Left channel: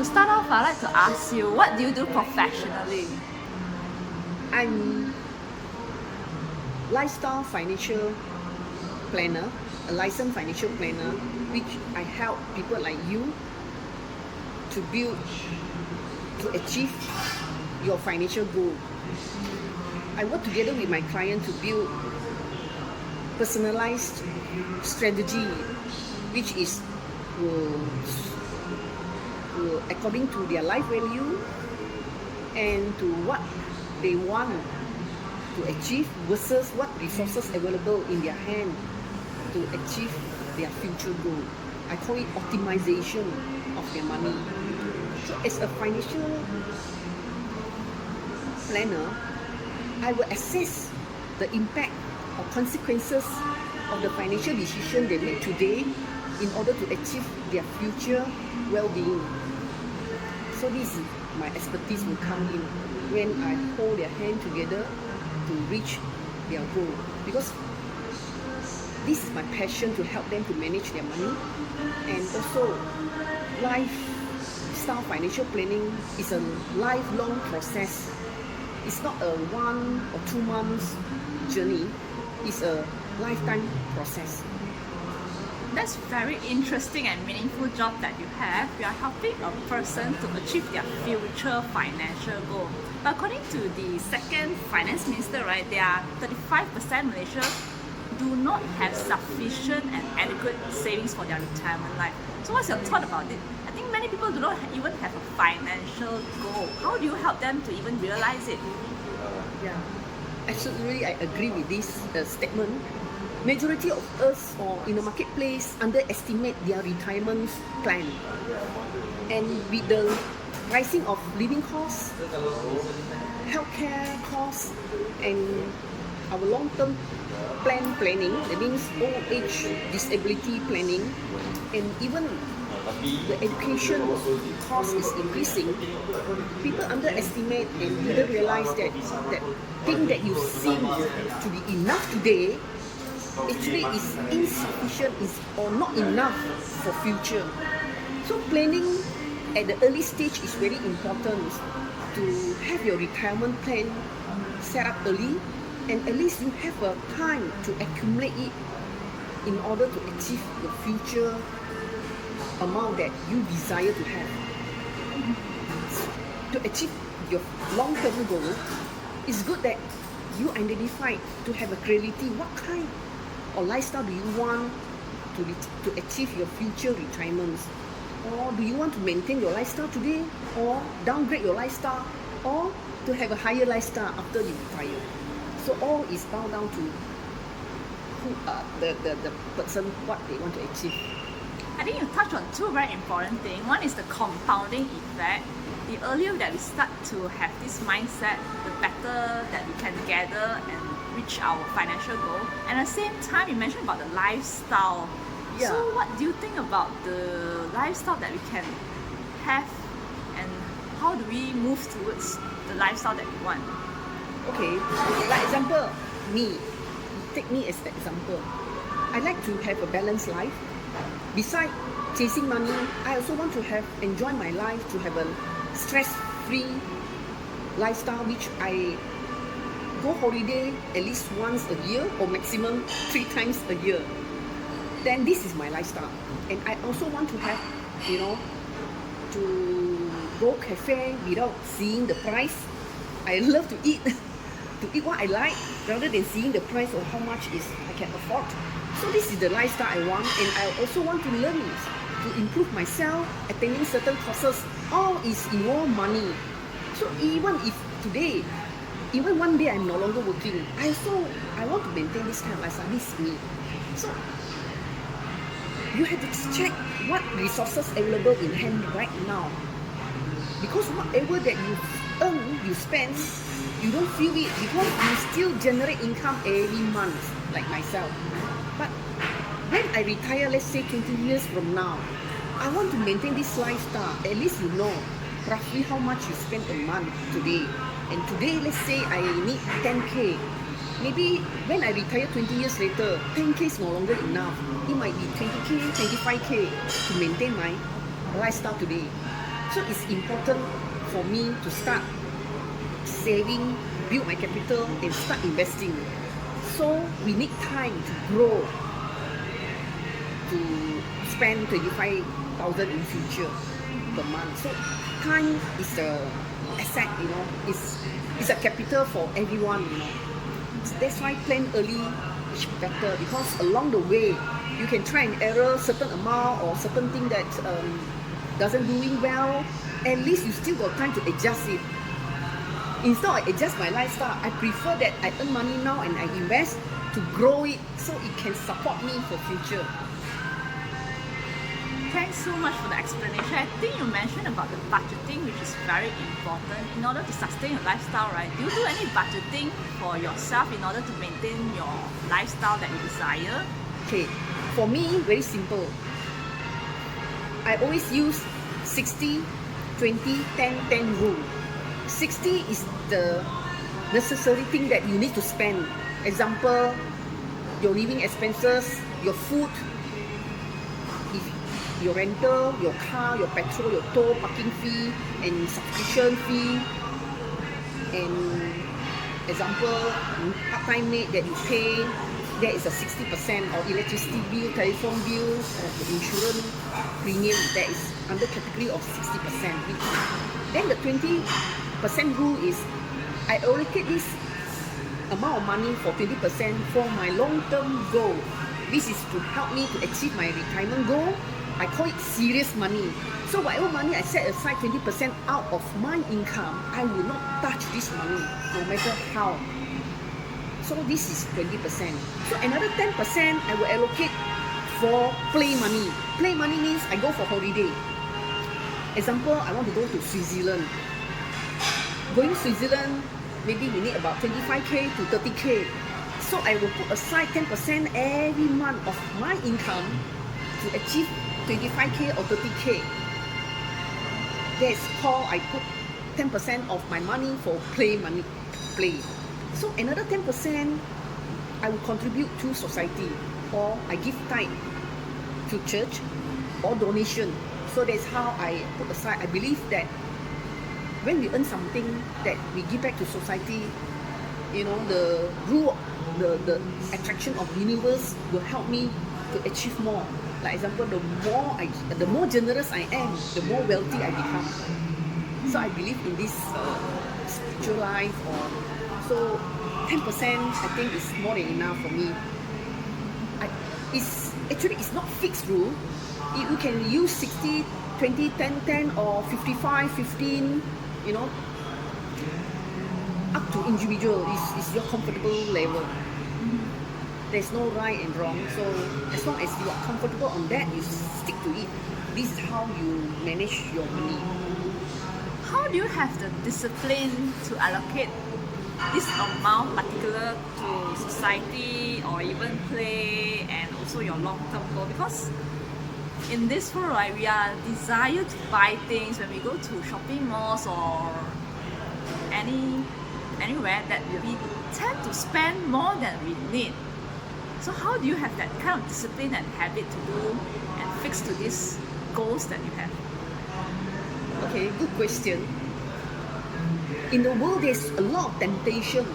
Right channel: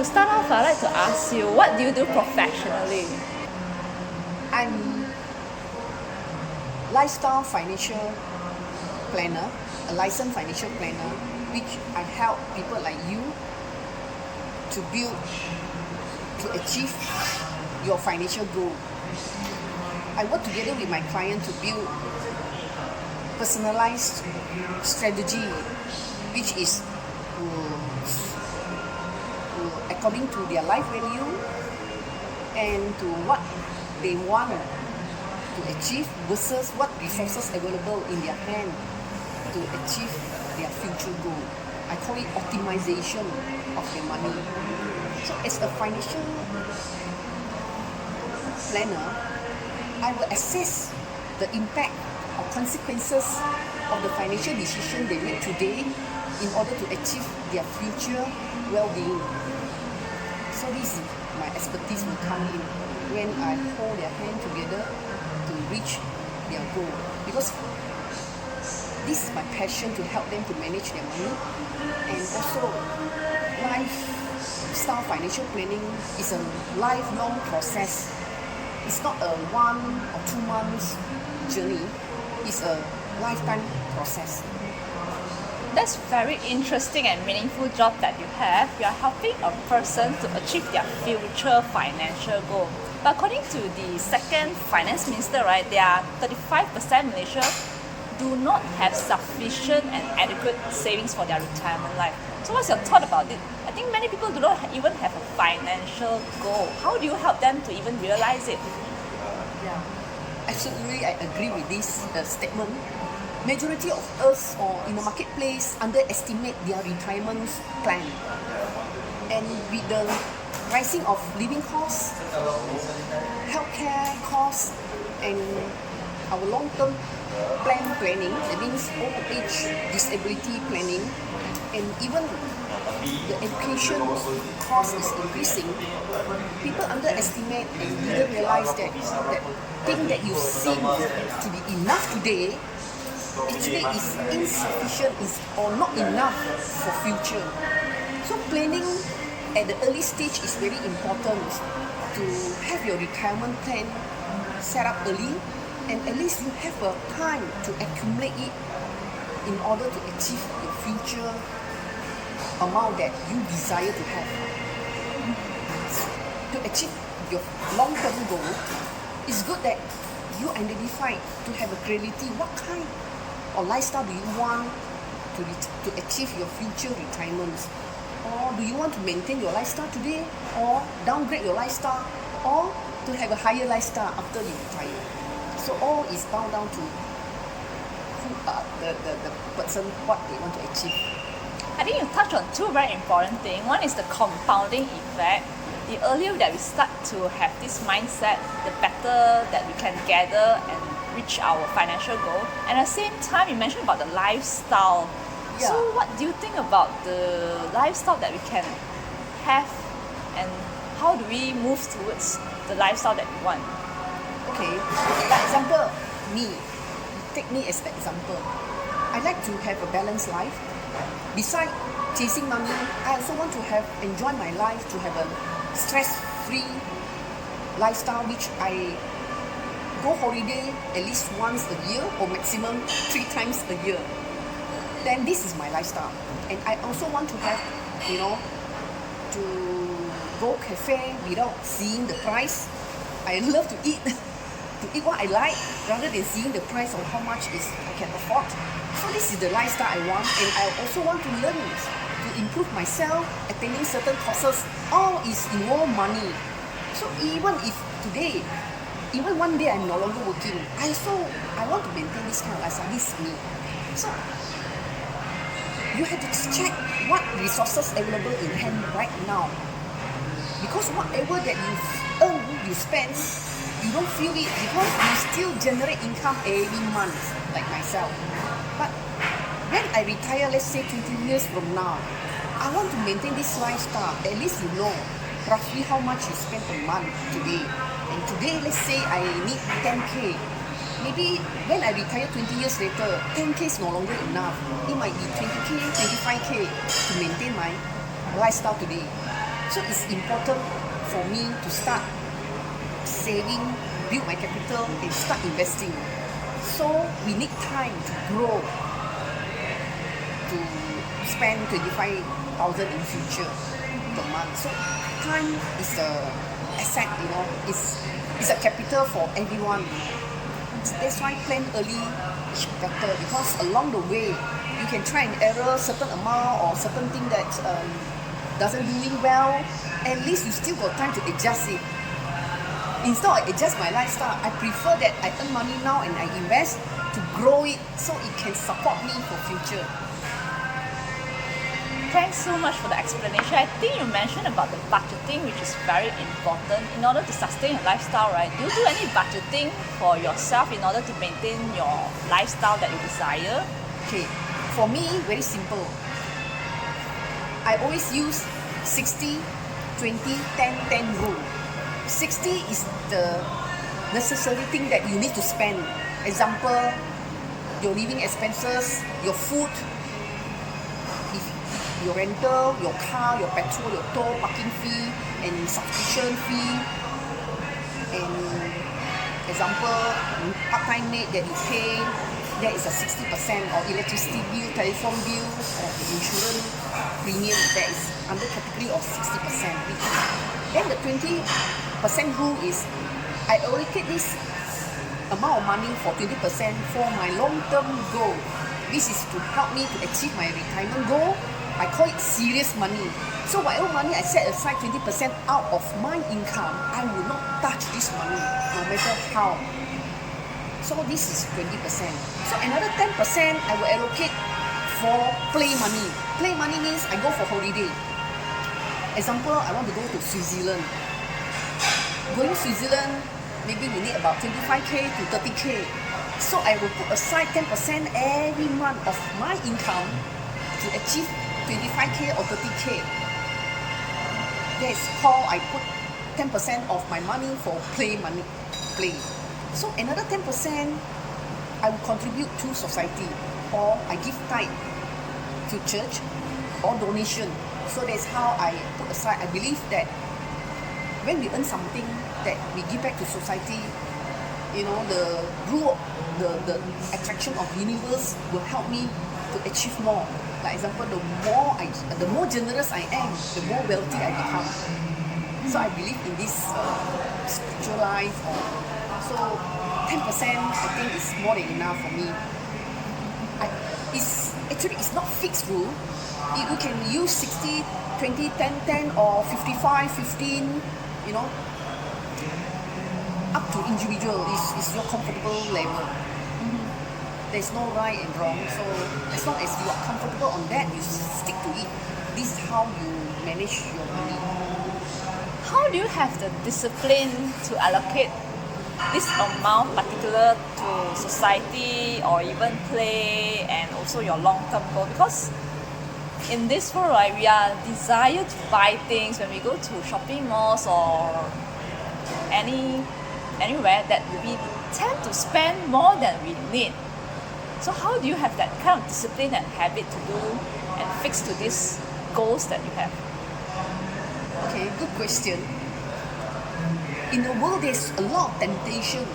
To start off, I'd like to ask you, what do you do professionally? I'm lifestyle financial planner, a licensed financial planner, which I help people like you to build, to achieve your financial goal. I work together with my client to build personalized strategy, which is according to their life value and to what they want to achieve versus what resources available in their hand to achieve their future goal. I call it optimization of the money. So as a financial planner, I will assess the impact or consequences of the financial decision they make today in order to achieve their future well-being. So this is my expertise will come in when I hold their hand together to reach their goal. Because this is my passion to help them to manage their money, and also lifestyle financial planning is a lifelong process. It's not a 1 or 2 months journey, it's a lifetime process. That's very interesting and meaningful job that you have. You are helping a person to achieve their future financial goal. But according to the second finance minister, right, there are 35% Malaysia do not have sufficient and adequate savings for their retirement life. So what's your thought about it? I think many people do not even have a financial goal. How do you help them to even realize it? Yeah, absolutely, I agree with this statement. Majority of us or in the marketplace underestimate their retirement plan. And with the rising of living costs, healthcare costs, and our long-term planning, it means old age disability planning, and even the education cost is increasing, people underestimate and didn't realize that thing that you seem to be enough today actually is insufficient or not enough for future. So planning at the early stage is very important to have your retirement plan set up early, and at least you have a time to accumulate it in order to achieve the future amount that you desire to have. To achieve your long-term goal, it's good that you identify to have a clarity what kind or lifestyle do you want to achieve your future retirement, or do you want to maintain your lifestyle today or downgrade your lifestyle or to have a higher lifestyle after you retire. So all is bound down to who the person, what they want to achieve. I think you touched on two very important things. One is the compounding effect. The earlier that we start to have this mindset, the better that we can gather and reach our financial goal. And at the same time, you mentioned about the lifestyle. Yeah. So what do you think about the lifestyle that we can have, and how do we move towards the lifestyle that we want? Okay, for example, me. Take me as an example. I like to have a balanced life. Besides chasing money, I also want to enjoy my life, to have a stress-free lifestyle, which I go holiday at least once a year or maximum 3 times a year. Then this is my lifestyle. And I also want to have, to go cafe without seeing the price. I love to eat what I like rather than seeing the price of how much I can afford. So this is the lifestyle I want, and I also want to learn to improve myself, attending certain courses. All is involve money. So even if today, even one day I'm no longer working, I want to maintain this kind of lifestyle. This is me. So you have to check what resources available in hand right now, because whatever that you earn, you spend, you don't feel it because you still generate income every month, like myself. But when I retire, let's say 20 years from now, I want to maintain this lifestyle. At least you know roughly how much you spend a month today. And today, let's say I need 10K. Maybe when I retire 20 years later, 10K is no longer enough. It might be 20K, 25K to maintain my lifestyle today. So it's important for me to start saving, build my capital, and start investing. So we need time to grow, to spend 25,000 in future per month. So time is the asset, it's a capital for everyone. That's why plan early is better, because along the way you can try and error certain amount or certain thing that doesn't doing well. At least you still got time to adjust it. Instead of adjust my lifestyle, I prefer that I earn money now and I invest to grow it so it can support me for future. Thanks so much for the explanation. I think you mentioned about the budgeting, which is very important in order to sustain a lifestyle, right? Do you do any budgeting for yourself in order to maintain your lifestyle that you desire? Okay, for me, very simple. I always use 60, 20, 10, 10 rule. 60 is the necessary thing that you need to spend. Example, your living expenses, your food, your rental, your car, your petrol, your toll, parking fee, and subscription fee. And example, part-time maid that you pay, that is a 60%, or electricity bill, telephone bill, the insurance premium, that is under category of 60%. Then the 20% rule is, I already take this amount of money for 20% for my long-term goal. This is to help me to achieve my retirement goal. I call it serious money. So whatever money I set aside 20% out of my income, I will not touch this money, no matter how. So this is 20%. So another 10% I will allocate for play money. Play money means I go for holiday. Example, I want to go to Switzerland. Going to Switzerland, maybe we need about 25k to 30k. So I will put aside 10% every month of my income to achieve 25k or 30k. That's called I put 10% of my money for play money. Play. So another 10% I will contribute to society, or I give tithe to church, or donation. So that's how I put aside. I believe that when we earn something that we give back to society, the rule, the attraction of universe will help me to achieve more. Like example, the more generous I am, the more wealthy I become. So I believe in this spiritual life. So 10% I think is more than enough for me. It's not fixed rule. You can use 60, 20, 10, 10 or 55, 15, up to individual. Is your comfortable level. There's no right and wrong. So as long as you are comfortable on that, you stick to it. This is how you manage your money. How do you have the discipline to allocate this amount particular to society or even play and also your long-term goal? Because in this world, right, we are desired to buy things when we go to shopping malls or anywhere that we tend to spend more than we need. So how do you have that kind of discipline and habit to do and fix to these goals that you have? Okay, good question. In the world, there's a lot of temptation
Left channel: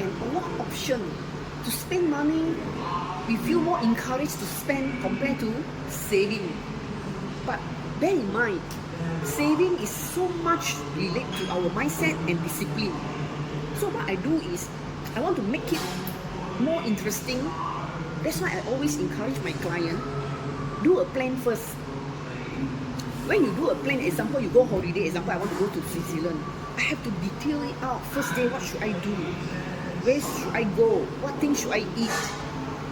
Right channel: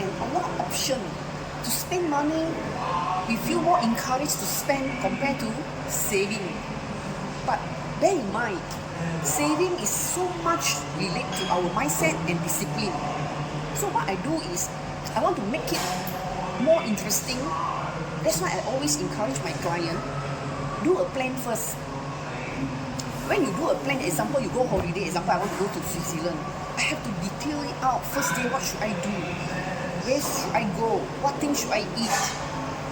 and a lot of option to spend money. We feel more encouraged to spend compared to saving. But bear in mind, saving is so much related to our mindset and discipline. So what I do is, I want to make it more interesting. That's why I always encourage my client, do a plan first. When you do a plan, example, you go holiday, example, I want to go to Switzerland. I have to detail it out. First day, what should I do? Where should I go? What things should I eat?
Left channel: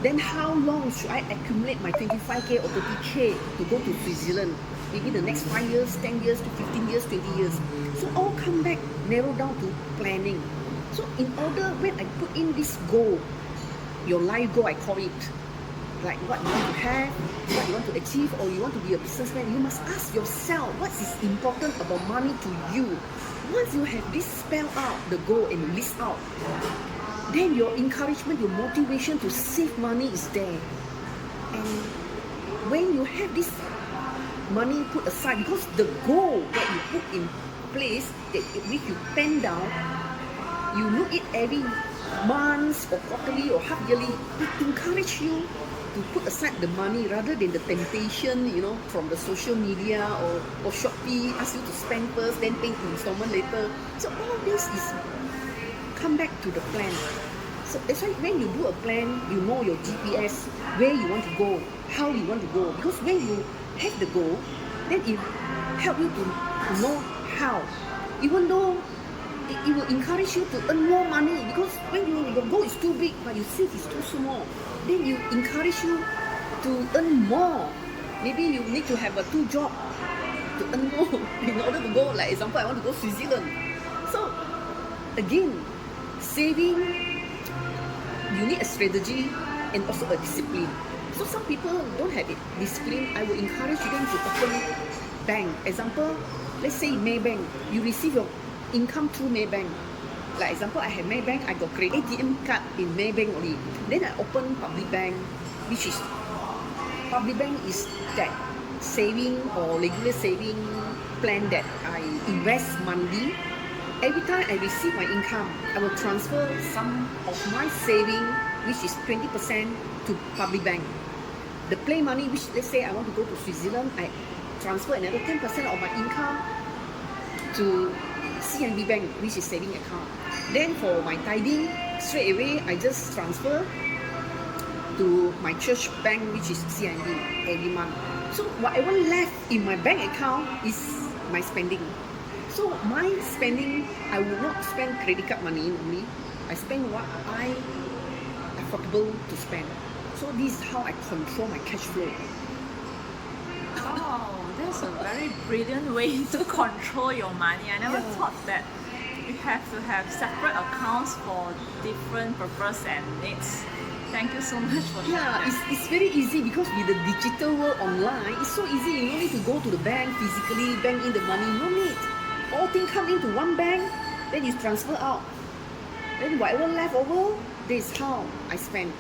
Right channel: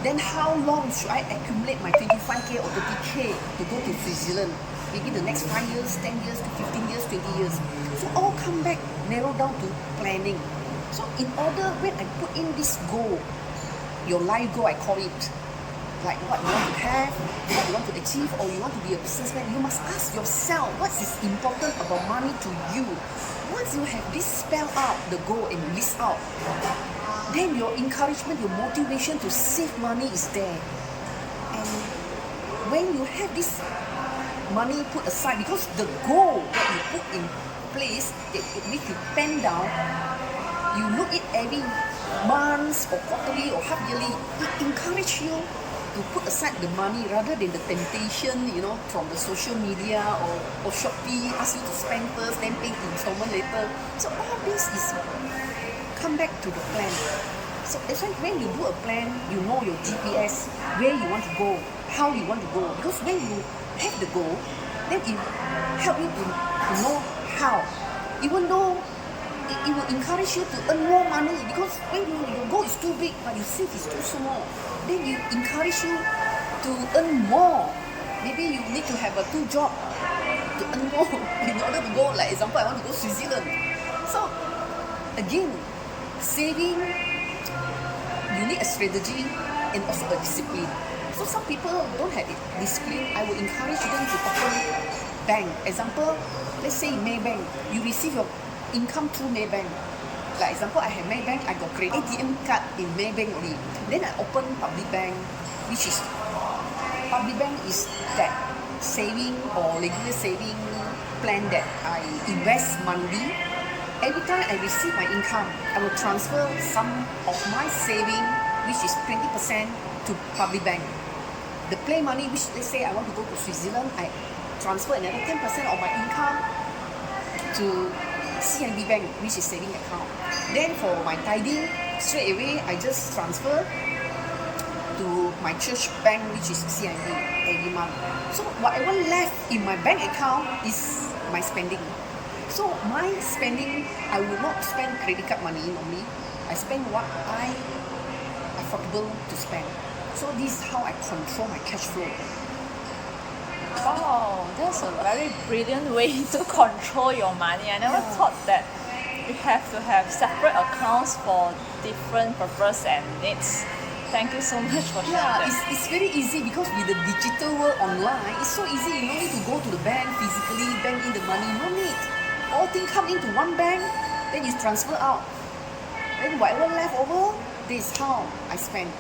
Then how long should I accumulate my 25k or 30k to go to Switzerland? Maybe the next 5 years, 10 years, to 15 years, 20 years. So all come back, narrow down to planning. So in order, when I put in this goal, your life goal, I call it, like what you want to have, what you want to achieve, or you want to be a businessman, you must ask yourself, what is important about money to you? Once you have this spell out, the goal, and you list out, then your encouragement, your motivation to save money is there. When you have this money put aside, because the goal that you put in place, if you pen down, you look at every month or quarterly or half yearly, it encourages you to put aside the money rather than the temptation, from the social media or Shopee ask you to spend first, then pay installment later. So all this is come back to the plan. So that's why when you do a plan, you know your GPS, where you want to go, how you want to go. Because when you have the goal, then it help you to know how. Even though it will encourage you to earn more money, because when your goal is too big but you see it's too small, then it encourage you to earn more. Maybe you need to have 2 jobs to earn more in order to go. Like example, I want to go Switzerland. So again, saving, you need a strategy and also a discipline. So some people don't have discipline. I will encourage them to open bank. Example, let's say Maybank. You receive your income through Maybank. Like example, I have Maybank, I got credit ATM card in Maybank only. Then I open public bank, which is public bank is that saving or regular saving plan that I invest monthly. Every time I receive my income, I will transfer some of my saving, which is 20%, to public bank. The play money, which let's say I want to go to Switzerland, I transfer another 10% of my income to CMB bank, which is saving account. Then for my tithing, straight away I just transfer to my church bank, which is CMB, every month. So whatever left in my bank account is my spending. So my spending, I will not spend credit card money normally. I spend what I affordable to spend. So this is how I control my cash flow. Oh, that's a very brilliant way to control your money. I never thought that you have to have separate accounts for different purposes and needs. Thank you so much for sharing that. It's very easy, because with the digital world online, it's so easy. You don't need to go to the bank physically, bank in the money. No need. All things come into one bank, then it's transferred out. Then whatever left over, this is how I spend.